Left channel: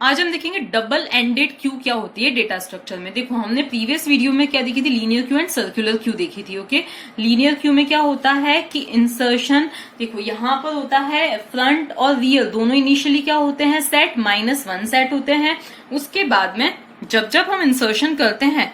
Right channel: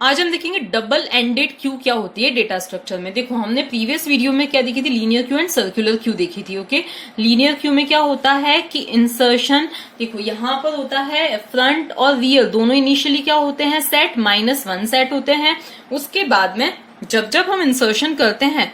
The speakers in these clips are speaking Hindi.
आज हम देखेंगे डबल एंडेड क्यू क्या होती है डेटा स्ट्रक्चर में। देखो हमने प्रीवियस वीडियो में क्या देखी थी, linear Q and circular queue देखी थी। ओके, लीनियर क्यू में क्या होता है कि इंसर्शन, देखो यहां पर होता है फ्रंट और रियर दोनों इनिशियली क्या होते हैं, सेट -1 सेट होते हैं। उसके बाद में जब जब हम इंसर्शन करते हैं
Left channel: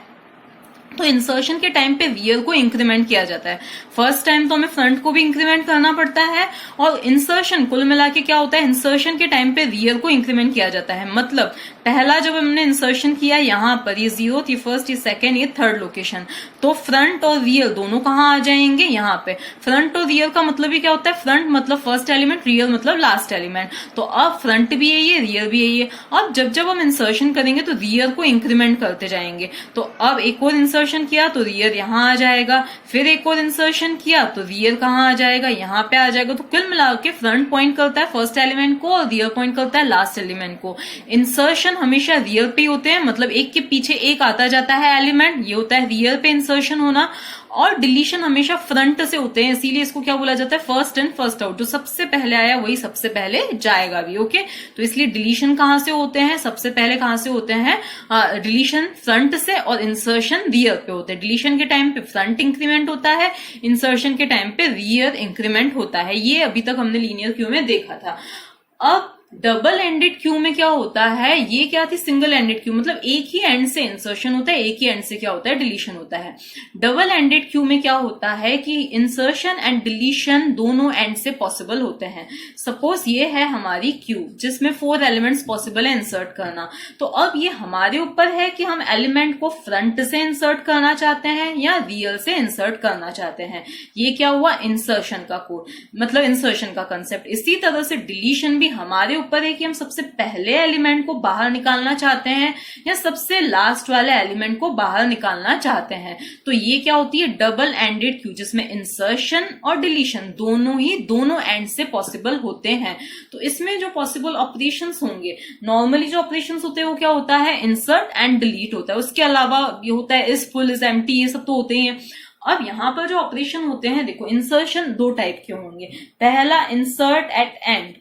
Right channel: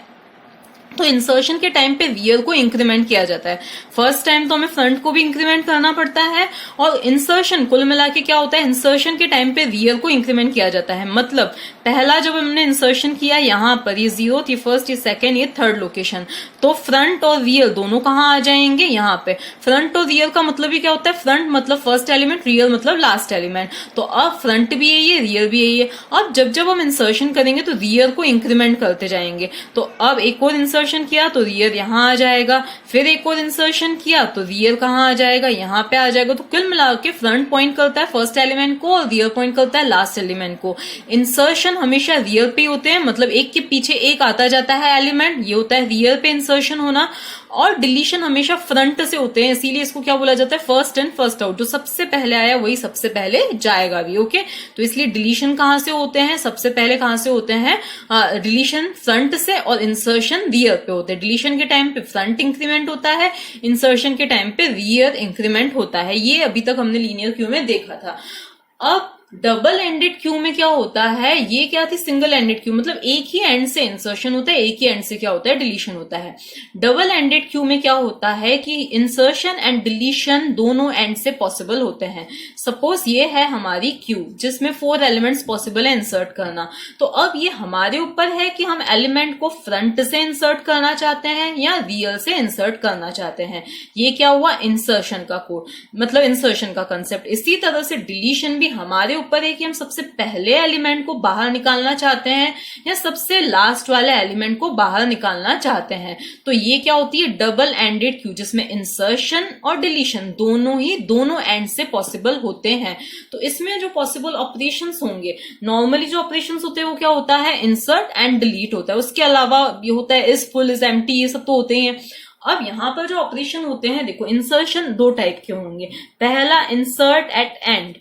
तो इंसर्शन के टाइम पे रियर को इंक्रीमेंट किया जाता है। फर्स्ट टाइम तो हमें फ्रंट को भी इंक्रीमेंट करना पड़ता है, और इंसर्शन कुल मिला के क्या होता है, इंसर्शन के टाइम पे रियर को इंक्रीमेंट किया जाता है। मतलब पहला जब हमने इंसर्शन किया यहाँ पर, ये 0th, ये फर्स्ट, ये सेकेंड, ये थर्ड लोकेशन, तो फ्रंट और रियर दोनों कहाँ आ जाएंगे, यहाँ पे। फ्रंट और रियर का मतलब ही क्या होता है, फ्रंट मतलब फर्स्ट एलिमेंट, रियर मतलब लास्ट एलिमेंट। तो अब फ्रंट भी यही है, रियर भी यही है। अब जब जब हम इंसर्शन करेंगे तो रियर को इंक्रीमेंट करते जाएंगे। तो अब एक और इंसर्शन किया तो रियर यहाँ आ जाएगा, फिर एक और इंसर्शन किया तो रियर कहाँ आ जाएगा, यहाँ पे आ जाएगा। तो कुल मिला के फ्रंट पॉइंट करता है फर्स्ट एलिमेंट को और रियर पॉइंट करता है लास्ट एलिमेंट को। इंसर्शन हमेशा रियर पे होते हैं, मतलब एक के पीछे एक आता जाता है एलिमेंट, ये होता है रियर पे इंसर्शन होना। और डिलीशन हमेशा फ्रंट से होते हैं, इसीलिए इसको क्या बोला जाता है, फर्स्ट इन फर्स्ट आउट। जो सबसे पहले आया वही सबसे पहले जाएगा भी। ओके, तो इसलिए डिलीशन कहां से होते हैं, सबसे पहले कहां से होते हैं, डिलीशन फ्रंट से, और इंसर्शन रियर पे होते हैं। डिलीशन के टाइम पे फ्रंट इंक्रीमेंट होता है, इंसर्शन के टाइम पे रियर इंक्रीमेंट होता है। ये अभी तक हमने लीनियर क्यू में देखा था। अब डबल एंडेड क्यू में क्या होता है, ये क्या थी, सिंगल एंडेड क्यू, मतलब एक ही एंड से इंसर्शन होता है, एक ही एंड से क्या होता है, डिलीशन होता है। डबल एंडेड क्यू में क्या होता है कि इंसर्शन एंड डिलीशन दोनों एंड से पॉसिबल होते हैं। सपोज ये है हमारी क्यू जिसमें 4 एलिमेंट्स पॉसिबल है इंसर्ट करना। तो अब ये हमारे ऊपर है कि हम एलिमेंट को फ्रंट से इंसर्ट करना चाहते हैं या रियर से इंसर्ट करना चाहते हैं। ये क्या हुआ, इंसर्शन का कोड, मतलब इंसर्शन का कंसेप्ट। इसी तरह से डिलीशन भी हमारे ऊपर है कि हम सबसे पहले एलिमेंट को बाहर निकालना चाहते हैं या सबसे लास्ट वाले एलिमेंट को बाहर निकालना चाहते हैं। तो ये क्या होती है, डबल एंडेड क्यू, जिसमें इंसर्शन और डिलीशन दोनों एंड से पॉसिबल होते हैं। तो इसमें जो पॉसिबल ऑपरेशंस होंगे, नॉर्मली जो ऑपरेशंस होते हैं वो क्या होता है, इंसर्ट एंड डिलीट होता है। उसके अलावा ये होता है इज फुल, इज एम्प्टी, ये सब तो होते ही हैं। अब यहां पर जो ऑपरेशन होते हैं, देखो इंसर्शन 2 टाइप के होंगे। पहला इंसर्ट एट एंड,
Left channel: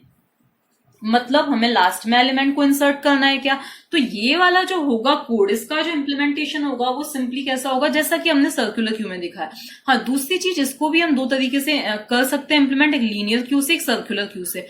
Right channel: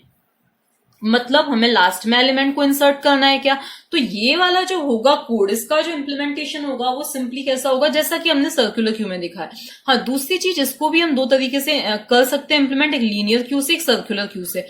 मतलब हमें लास्ट में एलिमेंट को इंसर्ट करना है क्या, तो ये वाला जो होगा कोड, इसका जो इम्प्लीमेंटेशन होगा वो सिंपली कैसा होगा, जैसा कि हमने सर्कुलर क्यू में देखा है। हाँ, दूसरी चीज, इसको भी हम 2 तरीके से कर सकते हैं इम्प्लीमेंट, एक लीनियर क्यू से, एक सर्कुलर क्यू से।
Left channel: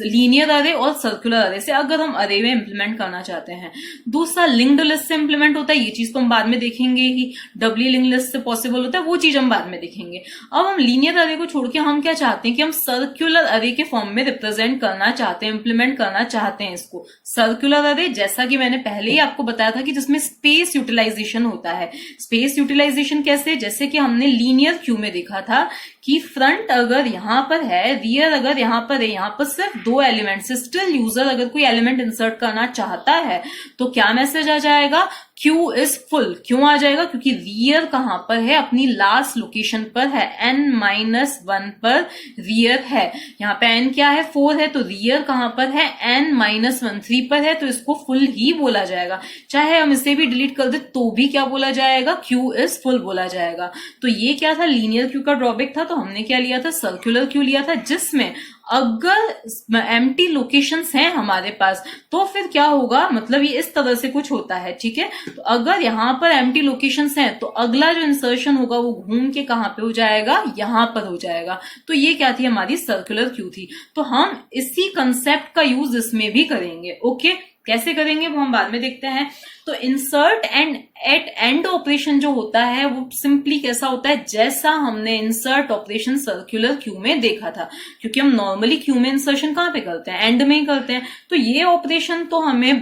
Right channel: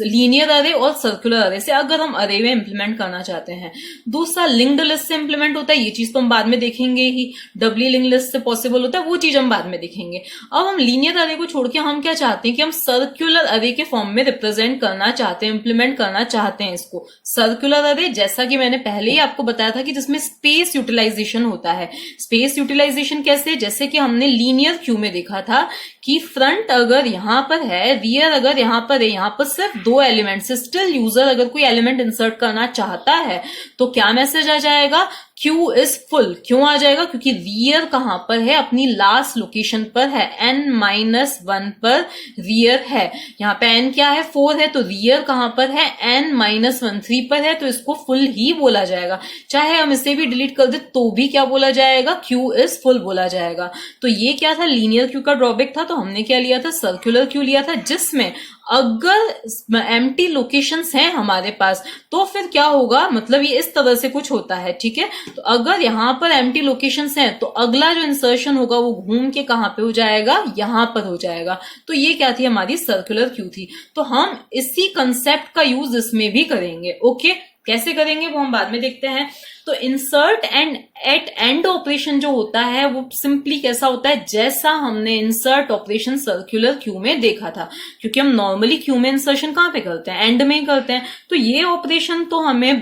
लीनियर अरे और सर्कुलर अरे से, अगर हम अरे में इम्प्लीमेंट करना चाहते हैं। दूसरा लिंक्ड लिस्ट से इम्प्लीमेंट होता है, ये चीज तो हम बाद में देखेंगे ही। डबली लिंक्ड लिस्ट से पॉसिबल होता है, वो चीज हम बाद में देखेंगे। अब हम लीनियर अरे को छोड़ के हम क्या चाहते हैं कि हम सर्कुलर अरे के फॉर्म में रिप्रेजेंट करना चाहते हैं, इम्प्लीमेंट करना चाहते हैं इसको। सर्कुलर अरे, जैसा कि मैंने पहले ही आपको बताया था कि जिसमें स्पेस यूटिलाइजेशन होता है। स्पेस यूटिलाइजेशन कैसे, जैसे कि हमने लीनियर क्यू में देखा था कि फ्रंट अगर यहां पर है, रियर अगर यहां पर है, यहां पर सिर्फ 2 एलिमेंट, स्टिल यूजर अगर कोई एलिमेंट इंसर्ट करना चाहता है तो क्या मैसेज आ जाएगा, क्यू इज फुल। क्यों आ जाएगा, क्योंकि रियर कहां पर है, अपनी लास्ट लोकेशन पर है, n-1 पर रियर है। यहाँ पे n क्या है, 4 है, तो रियर कहां पर है, n-1 3 पर है, तो इसको फुल ही बोला जाएगा। चाहे हम इसे भी डिलीट कर दे तो भी क्या बोला जाएगा, क्यू इज फुल बोला जाएगा। तो ये क्या था, लीनियर क्यू का ड्रॉबैक था। तो हमने क्या लिया था, सर्कुलर क्यू लिया था, जिसमें अगर एम्प्टी लोकेशंस हैं हमारे पास तो फिर क्या होगा, मतलब ये इस तरह से कुछ होता है, ठीक है। तो अगर यहां पर एम्प्टी लोकेशंस हैं तो अगला जो इंसर्शन होगा वो घूम के कहां पे हो जाएगा, यहां पर हो जाएगा। तो ये क्या थी, हमारी सर्कुलर क्यू थी। तो हम इसी कंसेप्ट का यूज इसमें भी करेंगे। ओके, कैसे करेंगे वो हम बाद में देखते हैं। तो insert and at end operation जो होता है वो सिंपली कैसा होता है, जैसा हमने इंसर्ट ऑपरेशन सर्कुलर क्यू में देखा था। क्योंकि हम नॉर्मली क्यू में इंसर्शन कहां पे करते हैं, एंड में ही करते हैं। तो ये ऑपरेशन तो हमें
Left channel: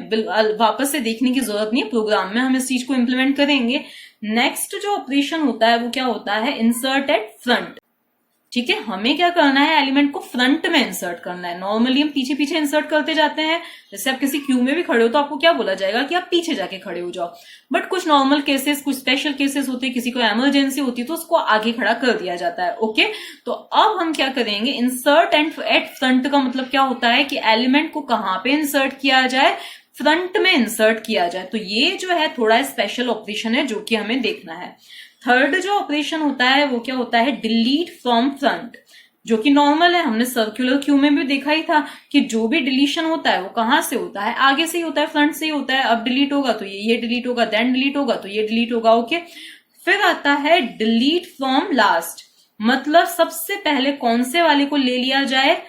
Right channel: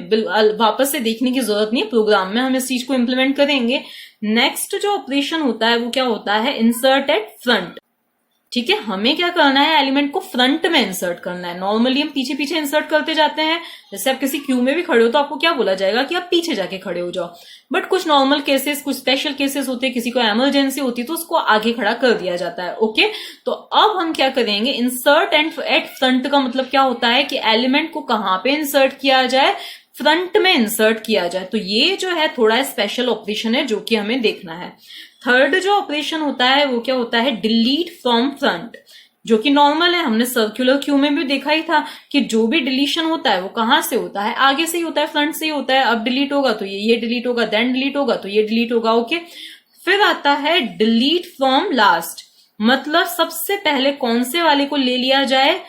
वापस से देखने की जरूरत नहीं है, प्रोग्राम में हम इस चीज को इंप्लीमेंट करेंगे। नेक्स्ट जो ऑपरेशन होता है वो क्या होता है, इंसर्ट एट फ्रंट। ठीक है, हमें क्या करना है, एलिमेंट को फ्रंट में इंसर्ट करना है। नॉर्मली हम पीछे पीछे इंसर्ट करते जाते हैं। जैसे आप किसी क्यू में भी खड़े हो तो आपको क्या बोला जाएगा कि आप पीछे जाके खड़े हो जाओ। बट कुछ नॉर्मल केसेस, कुछ स्पेशल केसेस होते हैं, किसी को इमरजेंसी होती है तो उसको आगे खड़ा कर दिया जाता है। ओके, तो अब हम क्या करेंगे, इंसर्ट एंड एट फ्रंट का मतलब क्या होता है कि एलिमेंट को कहां पे इंसर्ट किया जाए, फ्रंट में इंसर्ट किया जाए। तो ये जो है थोड़ा स्पेशल ऑपरेशन है जो कि हमें देखना है। थर्ड जो ऑपरेशन होता है वो क्या होता है, डिलीट फ्रॉम फ्रंट। जो कि नॉर्मल है। हमने सर्कुलर क्यू में भी देखा ही था कि जो भी डिलीशन होता है वो कहाँ से होता है, आगे से ही होता है, फ्रंट से ही होता है। अब डिलीट होगा तो ये डिलीट होगा, देन डिलीट होगा तो ये डिलीट होगा। ओके, फिर आता है डिलीट फ्रॉम लास्ट, मतलब सबसे पहले कौन से वाले को ले लिया जाए,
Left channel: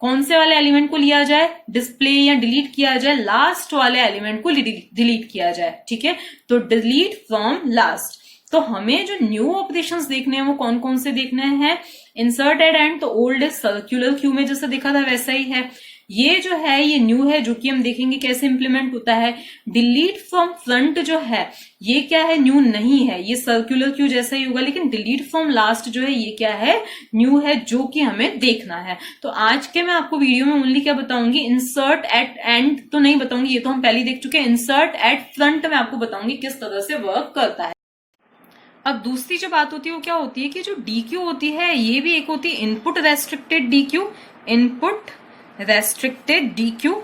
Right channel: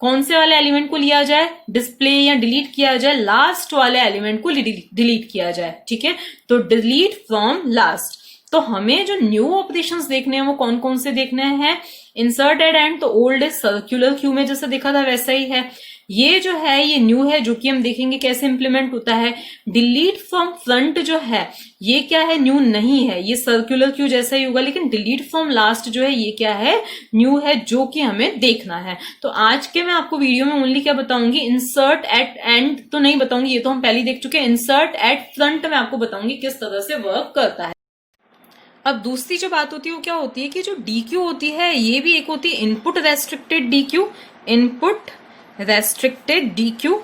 कौन से वाले एलिमेंट को लिया जाए, डिस्प्ले या डिलीट किया जाए, लास्ट वाले एलिमेंट को डिलीट किया जाए। ठीक है, तो डिलीट फ्रॉम लास्ट। तो हमें जो न्यू ऑपरेशंस देखने हैं वो कौन कौन से देखने हैं, इंसर्ट एट एंड, तो ओल्ड सर्कुलर क्यू में जैसा देखा था वैसा ही है। ये जो है ये न्यू है, जो कि हम देखेंगे कैसे इंप्लीमेंट होता है। डिलीट फ्रॉम फ्रंट जो है ये क्या है, न्यू नहीं है, ये सर्कुलर क्यू जैसा ही होगा, लेकिन डिलीट फ्रॉम लास्ट जो है ये क्या है, न्यू है, जो कि हमें देखना है। तो आज के मैं आपको वीडियो में ओनली क्या बताऊंगी, इंसर्ट एट एंड तो नहीं बताऊंगी, ये तो हम पहले ही देख चुके हैं। इंसर्ट एट फ्रंट में आपको बताऊंगी किस तरह से वर्क करता है। अब दूसरी जो बात होती है वो क्या होती है कि जो डीक्यू होती है ये भी एक होती है input restricted deque, input restricted deque.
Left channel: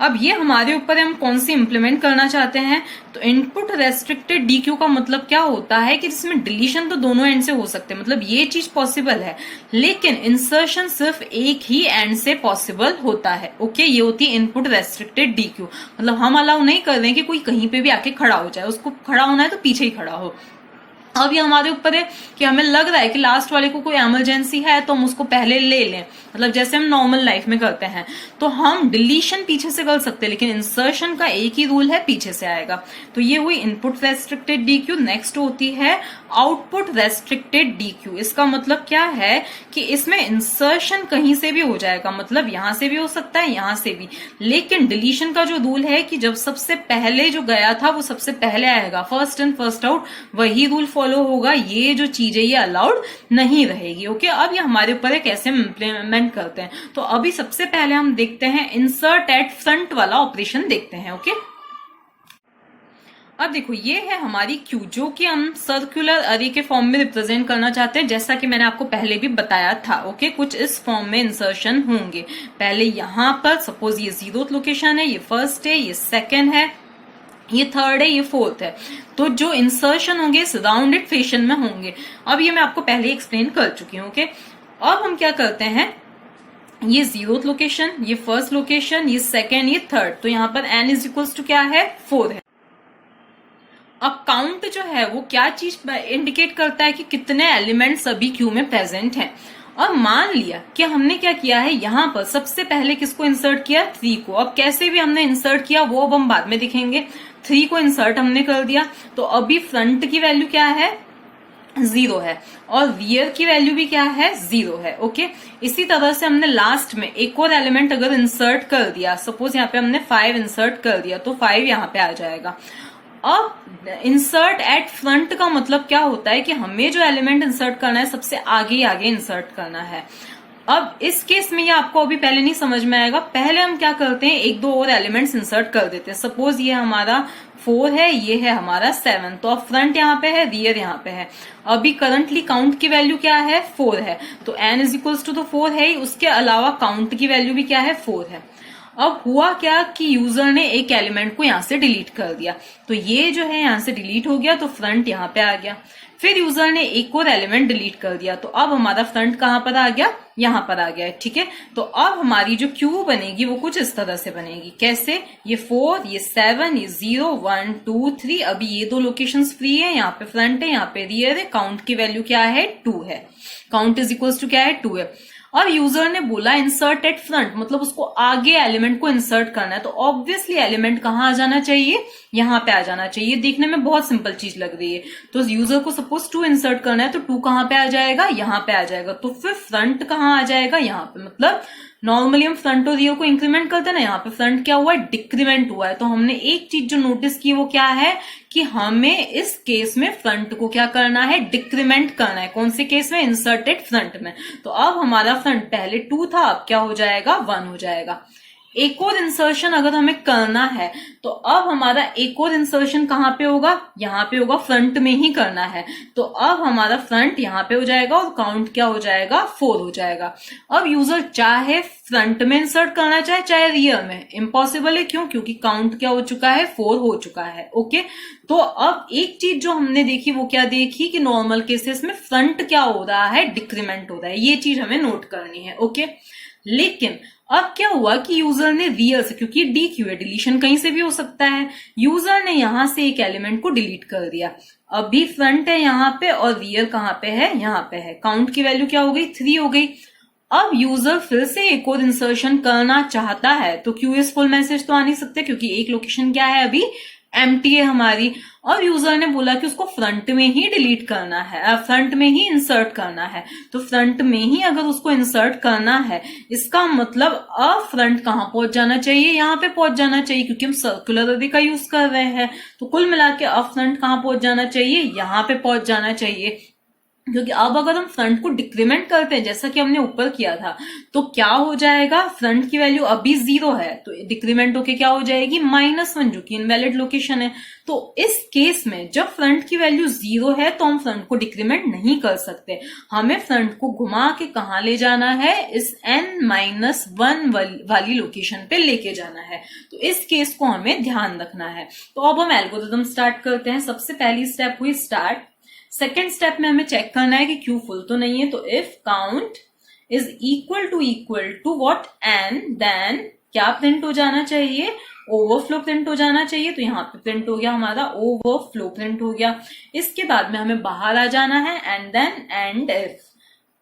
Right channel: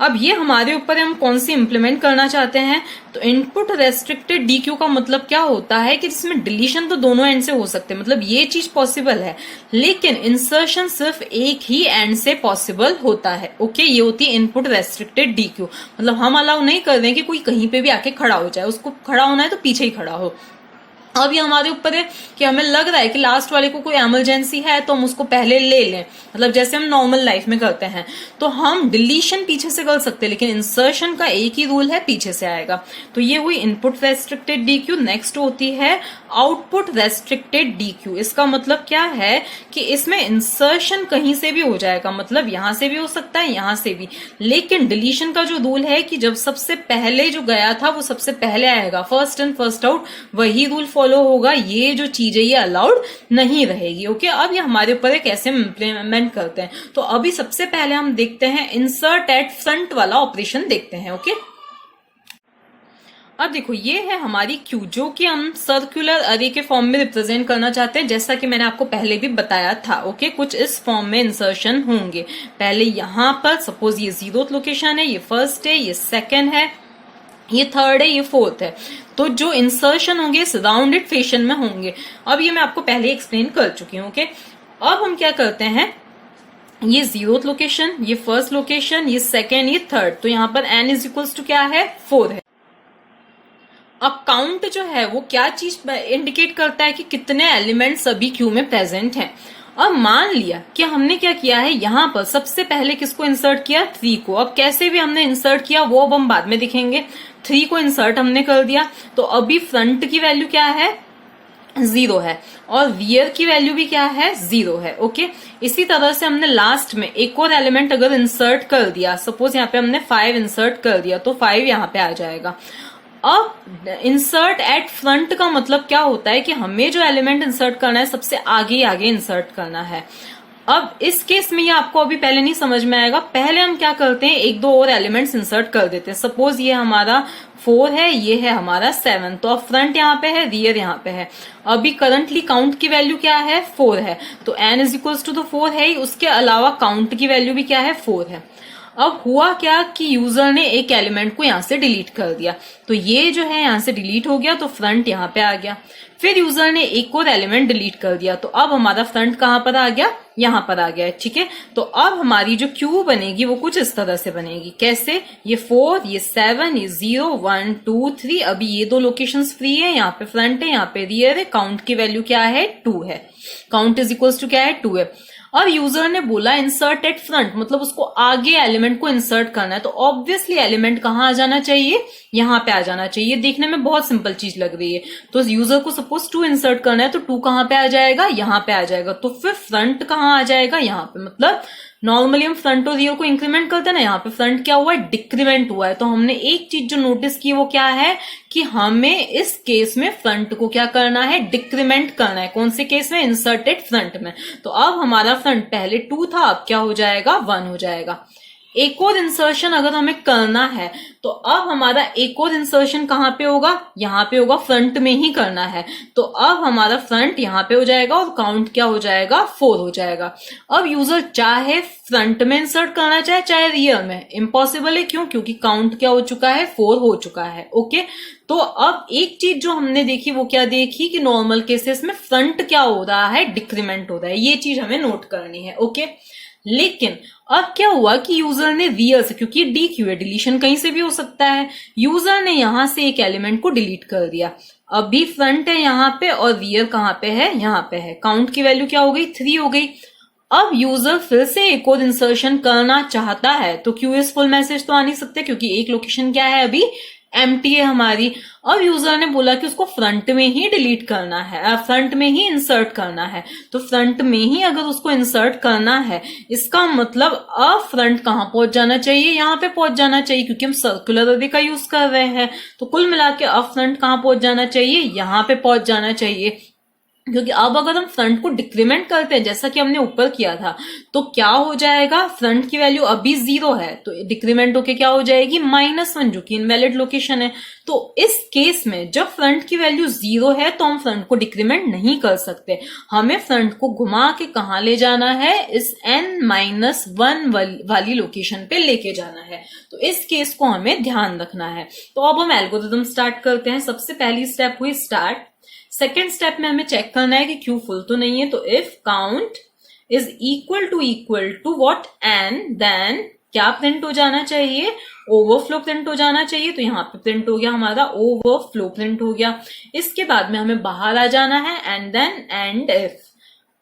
अब ये हमारे ऊपर हम कौन सी इंप्लीमेंट करना चाहते हैं। तो इनपुट रेस्ट्रिक्टेड डीक्यू का मतलब क्या होता है कि जिसमें डिलीशन तो दोनों एंड से हो सकते हैं, मतलब ये चीज पॉसिबल है, लेकिन इंसर्शन सिर्फ एक ही एंड से पॉसिबल होता है। ओके, ये होती है इनपुट रेस्ट्रिक्टेड डीक्यू, मतलब हम अलाउ नहीं कर रहे हैं कि कोई कहीं पे भी आके खड़ा हो जाए, उसको खड़ा होना है तो पीछे ही खड़ा हो। अब ये हमारे ऊपर है कि हमें लग रहा है कि लास्ट वाले को कोई इमरजेंसी है तो हम उसको पहले ले लें, मतलब जैसे हम नॉर्मल लाइफ में करते हैं तो हम डिलीशन पीछे से कर सकते हैं, लेकिन इंसर्शन का एक ही रूल है, पीछे से आएगा। तो ये हुई इनपुट रेस्ट्रिक्टेड डीक्यू। नेक्स्ट होती है आउटपुट रेस्ट्रिक्टेड डीक्यू। इसका मतलब क्या है कि इसमें इंसर्शन कहीं से भी हो जाएगा, मतलब यहां से भी हो सकता है, यहां से भी, लेकिन डिलीशन का जो रूल है कि जब सबसे पहले जो गया था वो सबसे पहले आएगा, फर्स्ट इन फर्स्ट आउट, वही रूल फॉलो होगा। ये जो चीज है ये अलाउड नहीं रहेगी। ओके, अब ये हमारे ऊपर है कैसे इंप्लीमेंट करते हैं। तो अभी सबसे पहले हम देखते हैं इंसर्ट एट फ्रंट वाला ऑपरेशन देखते हैं। ओके, अब देखो ये है हमारी क्यू, जो कि हम सर्कुलर अरे के फॉर्म में रिप्रेजेंट करना चाहते हैं, जैसा कि मैंने आपको पहले भी बताया था। ओके, कुछ इस फॉर्म में इंसर्शन होंगे। पहले यहां पर सपोज ये 0th लोकेशन है, ये फर्स्ट है, ये सेकंड है, ये थर्ड है, ये फोर्थ है। तो जो इंसर्शन होंगे इस राउंडेड फैशन में होंगे। अब ये मैं आपको पहले एक्सप्लेन कर चुकी हूँ। ओके, अब हम क्या करते हैं, ये 0th लोकेशन, ये फर्स्ट लोकेशन, ये सेकंड, ये थर्ड, तो यहाँ पर n इज इक्वल्स टू क्या है, 4 है। अब काउंट जो है वो क्या चीज इंडिकेट करता है कि कितने एलिमेंट सभी क्यू में प्रेजेंट हैं। अब मान लिया कि हमने क्या किया है, यहाँ पर सबसे पहले किसको इंसर्ट किया, 3 को। अब कैसे भी हमने इंसर्ट किया वो अब हम बाद में दिखेंगे। 3 को इंसर्ट हमने कर दिया, तो अभी फ्रंट की वैल्यू क्या है, 0 है, और रियर की वैल्यू भी क्या है, 0 है। ओके, इसी तरह से हमने लास्ट में एक और एलिमेंट अगर इंसर्ट कर दिया, सपोज यहाँ पे हमने 5 इंसर्ट कर दिया, तो 5 यहाँ पे आ जाएगा। अब इंसर्ट एट फ्रंट का मतलब क्या होता है कि हमें जो एलिमेंट इंसर्ट करना है सबसे आगे आगे इंसर्ट करना है। अब इस केस में ये आपको अभी पहले नहीं समझ में आएगा। पहले हम क्या करते हैं, एक दो और एलिमेंट्स इंसर्ट कर देते हैं। सपोज ये हमारा 4 है, ये है हमारा 7, तो अब फ्रंट यहाँ पे है, रियर यहाँ पे है। अभी करंटली काउंट की वैल्यू क्या है, 4 है, तो n इज इक्वल्स टू तो 4 है ही, उसके अलावा काउंट की वैल्यू भी क्या है, 4 है। अब हुआ क्या कि यूजर ने एक एलिमेंट को यहाँ से डिलीट कर दिया, तो ये जो है यहाँ से डिलीट हो गया, तो फ्रंट यहाँ पे आ गया। फिर यूजर ने एक और एलिमेंट डिलीट कर दिया, तो अब हमारा फ्रंट कहाँ पर आ गया, यहाँ पर आ गया है। ठीक है, तो अब हमारी जो क्यू बनेगी वो कुछ इस तरह से बनेगी। कैसे, ये 4, ये 7, ये 0, 1, 2, 3। अभी ये दो लोकेशंस फ्री है, यहाँ पे फ्रंट है, यहाँ पे रियर है। काउंट की वैल्यू क्या है, 2 है। काउंट इज इक्वल्स टू क्या है, 2 है। अब यूजर ने बोला इंसर्ट एट फ्रंट, मतलब उसको आगे एलिमेंट को इंसर्ट करना है, तो ऑब्वियसली एलिमेंट कहाँ आ जाना चाहिए, यहाँ पे आ जाना चाहिए। देखने में बहुत सिंपल चीज लग रही है। तो यूजर को सपोज 2 इंसर्ट करना है, तो 2 कहाँ पे आ जाएगा, यहाँ पे आ जाएगा। तो फिर फ्रंट कहाँ आ जाएगा, यहाँ पे। मतलब नॉर्मली हम फ्रंट और रियर को इंक्रीमेंट करते हैं ना, यहाँ पे फ्रंट क्या हुआ है, डिक्रीमेंट हुआ है। तो हमने एक चीज जो नोटिस की वो क्या है कि हमें इस केस में फ्रंट को क्या करना है, डिक्रीमेंट करना है। कौन से केस में, इंसर्टेड फ्रंट में। तो अब हमारा फ्रंट पहले 2 था, अब क्या हो जाएगा, 1 हो जाएगा। एक और इंसर्शन अगर हमें करना है तो अब हमारा एक और इंसर्शन कहाँ पे होगा, यहाँ पे होगा, फ्रंट में ही करना है। तो अब हमारा फ्रंट यहाँ पे हो जाएगा और काउंट क्या हो जाएगा, 4 हो जाएगा। अब यूजर चाहे फ्रंट में इंसर्ट करना चाहे रियर में, इम्पॉसिबल है। क्यों? क्योंकि काउंट क्या हो चुका है, 4 हो चुका है। ओके, तो अब एक चीज जो हमने देखी वो क्या देखी कि नॉर्मल केसेस में फ्रंट क्या हो रहा है, डिक्रीमेंट हो रहा है। ये चीज हमें नोट करनी है। ओके, लेकिन अब क्या हुआ कि यूजर ने रियर से, क्योंकि डी क्यू है, डिलीशन कहीं से भी हो सकता है, यूजर ने यहां से एक एलिमेंट को डिलीट कर दिया। अभी फ्रंट है यहाँ पे और रियर कहाँ पे है, यहाँ पे है। काउंट की वैल्यू क्या हो गई, 3 हो गई। अब यूजर फिर से एक और इंसर्शन करना चाहता है तो क्यू इज फुल मैसेज तो आ नहीं सकते, क्योंकि एक लोकेशन क्या है, अभी एम्प्टी है हमारी। अब यूजर ने बोला कि उसको फ्रंट में ही डिलीट करना है, फ्रंट में ही इंसर्ट करना है। तो फ्रंट में ही अगर उसको इंसर्ट करना है, इसका मतलब अब फ्रंट कहाँ पहुंच जाना चाहिए, यहाँ पे पहुंच जाना चाहिए, क्योंकि हम सर्कुलर अरे का यूज कर रहे हैं। तो कुल मिला के अब फ्रंट कहाँ पहुंच जाना चाहिए, यहाँ पे पहुंच जाना चाहिए। क्योंकि अब अगर हम फ्रंट को डिक्रीमेंट करते हैं जैसा कि हमने ऊपर किया था, तो क्या हो जाएगा, फ्रंट की वैल्यू अभी 0 है तो डिक्रीमेंट होके क्या हो जाएगी, -1, जो कि इनवैलिड लोकेशन है। तो इस केस में जब फ्रंट की वैल्यू 0 है तो हम फ्रंट को डिक्रीमेंट नहीं कर सकते। हमें फ्रंट को घुमा के कहाँ ले जाना है, इस n-1 वाली लोकेशन पे लेके जाना है। तो इस केस को हमें ध्यान रखना है। तो अब हम एल्गोरिथम स्टार्ट करते हैं। सबसे पहली स्टेप हुई स्टार्ट। सेकेंड स्टेप में हमें चेक करना है कि क्यू फुल तो नहीं है। तो if count is equal to what, N, then क्या प्रिंट हो जाना चाहिए, ओवरफ्लो प्रिंट हो जाना चाहिए। तो यहाँ पे प्रिंट हो गया हमारा ओवरफ्लो प्रिंट हो गया। इसके बाद में हमें बाहर आ जाना है एंड देन एंड इफ।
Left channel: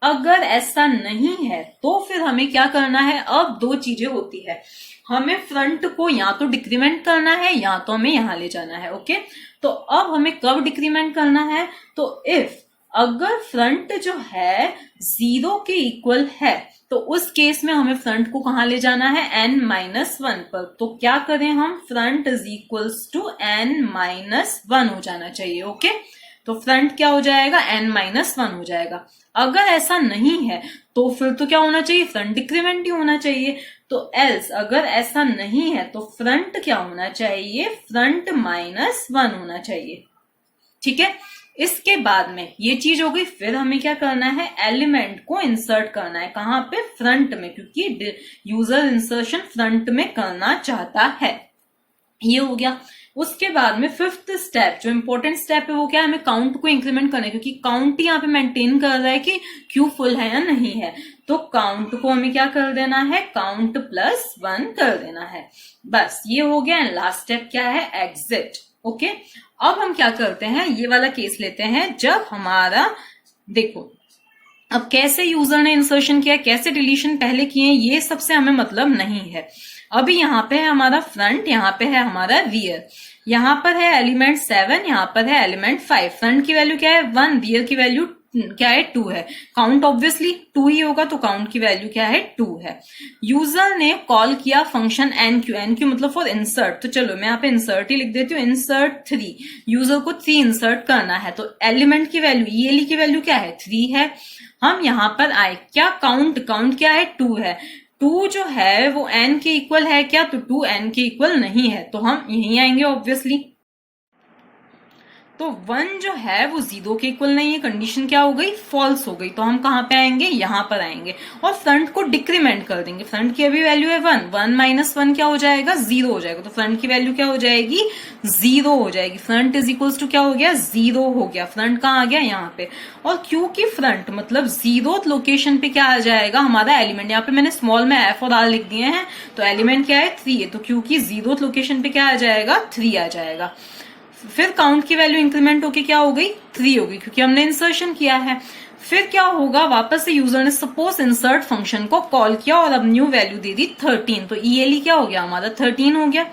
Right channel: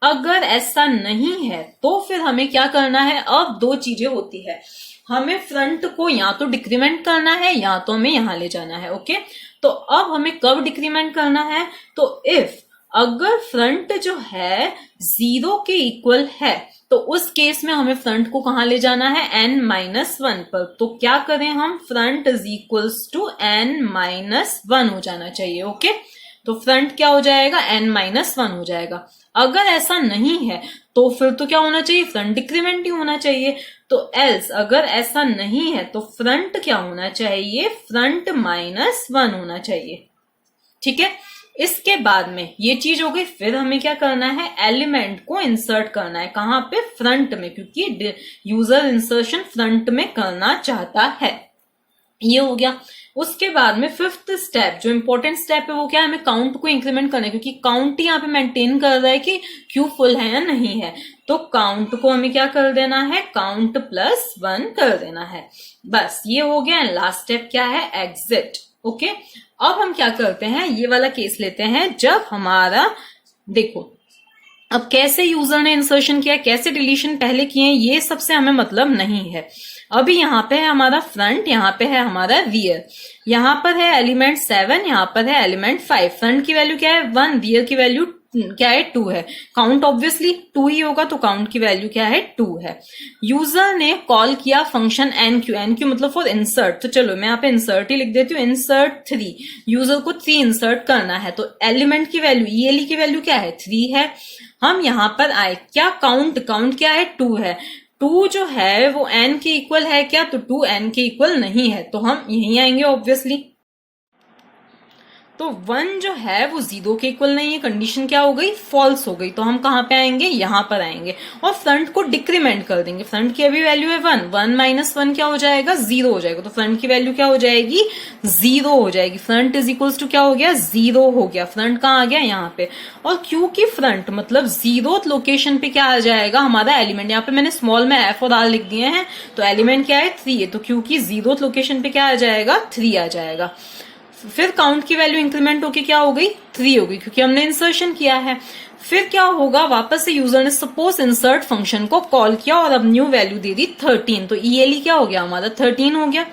अगर ऐसा नहीं है तो फिर हमें क्या करना है, अब 2 चीजें होती है। हमें फ्रंट को या तो डिक्रीमेंट करना है या तो हमें यहां ले जाना है। ओके, तो अब हमें कब डिक्रीमेंट करना है, तो इफ अगर फ्रंट जो है 0 के इक्वल है तो उस केस में हमें फ्रंट को कहां ले जाना है, n-1 पर। तो क्या करें हम, front is equals to n-1 हो जाना चाहिए। ओके, तो फ्रंट क्या हो जाएगा, n-1 हो जाएगा। अगर ऐसा नहीं है तो फिर तो क्या होना चाहिए, फ्रंट डिक्रीमेंट ही होना चाहिए। तो एल्स अगर ऐसा नहीं है तो फ्रंट क्या होना चाहिए, फ्रंट -1 होना चाहिए। ठीक है, इसके बाद में ये चीज हो गई। फिर हमें क्या करना है, एलिमेंट को इंसर्ट करना है। कहां पे, फ्रंट में, क्योंकि यूजर इंसर्शन फ्रंट में करना चाहता है। ये हो गया। उसके बाद में फिफ्थ स्टेप, जो इंपॉर्टेंट स्टेप है वो क्या है, हमें काउंट को इंक्रीमेंट करना है, क्योंकि काउंट ही यहाँ पे मेंटेन कर रहा है कि क्यू फुल है या नहीं है। तो काउंट को हमें क्या कर देना है, काउंट +1 कर देना है। बस ये हो गया। लास्ट स्टेप क्या है, एग्जिट। ओके, अब हम क्या करते हैं, ये वाला केस लेते हैं जब हमारा, देखो अब कैसे यूजर ने इंसर्शन किया, कैसे डिलीशन पहले किए, ये सबसे हमें मतलब नहीं है। अभी यहाँ पे है हमारा फ्रंट, यहाँ पे है हमारा रियर। यहाँ पर है एलिमेंट 7, यहाँ पर है एलिमेंट 5। फ्रंट की वैल्यू क्या है, 1, रियर की वैल्यू क्या है, 2 है। काउंट ऑब्वियसली 2 ही होगा, तो काउंट की वैल्यू क्या है, 2 है। यूजर ने कॉल किया फंक्शन NQ मतलब फॉर इंसर्ट। तो चलो मैं यहाँ पे इंसर्ट ही लिख देती हूँ, इंसर्ट 3। यूजर को 3 इंसर्ट करना है, तो एलिमेंट की वैल्यू ELE की वैल्यू क्या है, 3 है। हम यहाँ पर आए, क्या काउंट क्या है, 2 है। 2 जो है वो n के इक्वल है क्या, तो 2 n के इक्वल नहीं है, तो हम यहीं आएंगे ऑब्वियसली। तो 1 जो है वो 0 के इक्वल नहीं है, कंडीशन क्या हो गई, फॉल्स हो गई। तो हम कहां पे आएंगे, यहां पर आएंगे और फ्रंट को डिक्रीमेंट कर देंगे। फ्रंट की अभी वैल्यू है 1, 1 - 1 क्या हो जाएगा, 0 हो जाएगा। तो फ्रंट की वैल्यू क्या हो जाएगी, 0 हो जाएगी। फ्रंट इज इक्वल्स टू क्या हो गया, 0 हो गया। फ्रंट कहाँ आ गया, यहाँ पे। और क्योंकि फ्रंट मतलब 0th लोकेशन पे क्या आ जाएगा, हमारा एलिमेंट। यहाँ पे मैंने स्मॉल में F और R लिख दिए हैं, तो एलिमेंट क्या है, 3 है। तो क्योंकि 0th लोकेशन पे क्या आ जाएगा, 3 आ जाएगा। फिर काउंट की वैल्यू इंक्रीमेंट होके क्या हो गई, 3 हो गई, क्योंकि हमने इंसर्शन किया है। फिर क्या होगा, वापस से यूजर ने सपोज इंसर्ट फंक्शन को कॉल किया और अब न्यू वैल्यू दे दी 13। तो ELE क्या हो गया हमारा, 13 हो गया।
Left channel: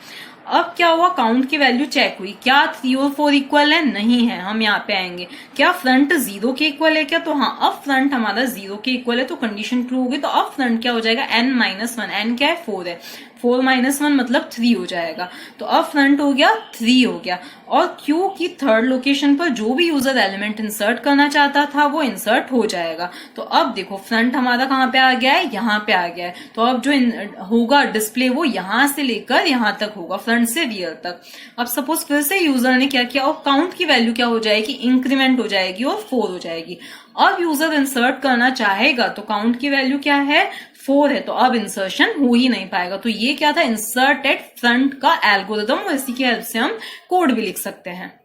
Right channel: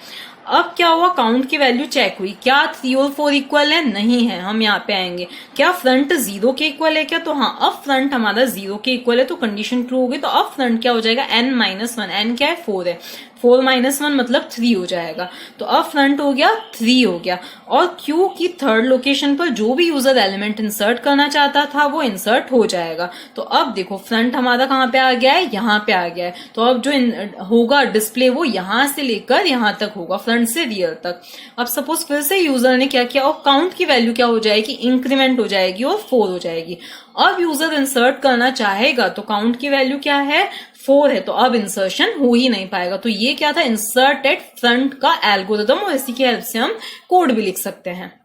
अब क्या हुआ, काउंट की वैल्यू चेक हुई, क्या 3 और 4 इक्वल है, नहीं है। हम यहाँ पे आएंगे, क्या फ्रंट 0 के इक्वल है क्या, तो हाँ, अब फ्रंट हमारा 0 के इक्वल है, तो कंडीशन ट्रू हो गई। तो अब फ्रंट क्या हो जाएगा, n-1, n क्या है, 4 है। 4 - 1 मतलब 3 हो जाएगा। तो अब फ्रंट हो गया 3 हो गया, और क्यू की थर्ड लोकेशन पर जो भी यूजर एलिमेंट इंसर्ट करना चाहता था वो इंसर्ट हो जाएगा। तो अब देखो फ्रंट हमारा कहाँ पे आ गया है, यहाँ पे आ गया है। तो अब जो होगा डिस्प्ले वो यहां से लेकर यहां तक होगा, फ्रंट से रियर तक। अब सपोज फिर से यूजर ने क्या किया, और काउंट की वैल्यू क्या हो जाएगी, इंक्रीमेंट हो जाएगी और 4 हो जाएगी। अब यूजर इंसर्ट करना चाहेगा तो काउंट की वैल्यू क्या है, 4 है, तो अब इंसर्शन हो ही नहीं पाएगा। तो ये क्या था, इंसर्ट एट फ्रंट का एल्गोरिदम, और इसी की हेल्प से हम कोड भी लिख सकते हैं।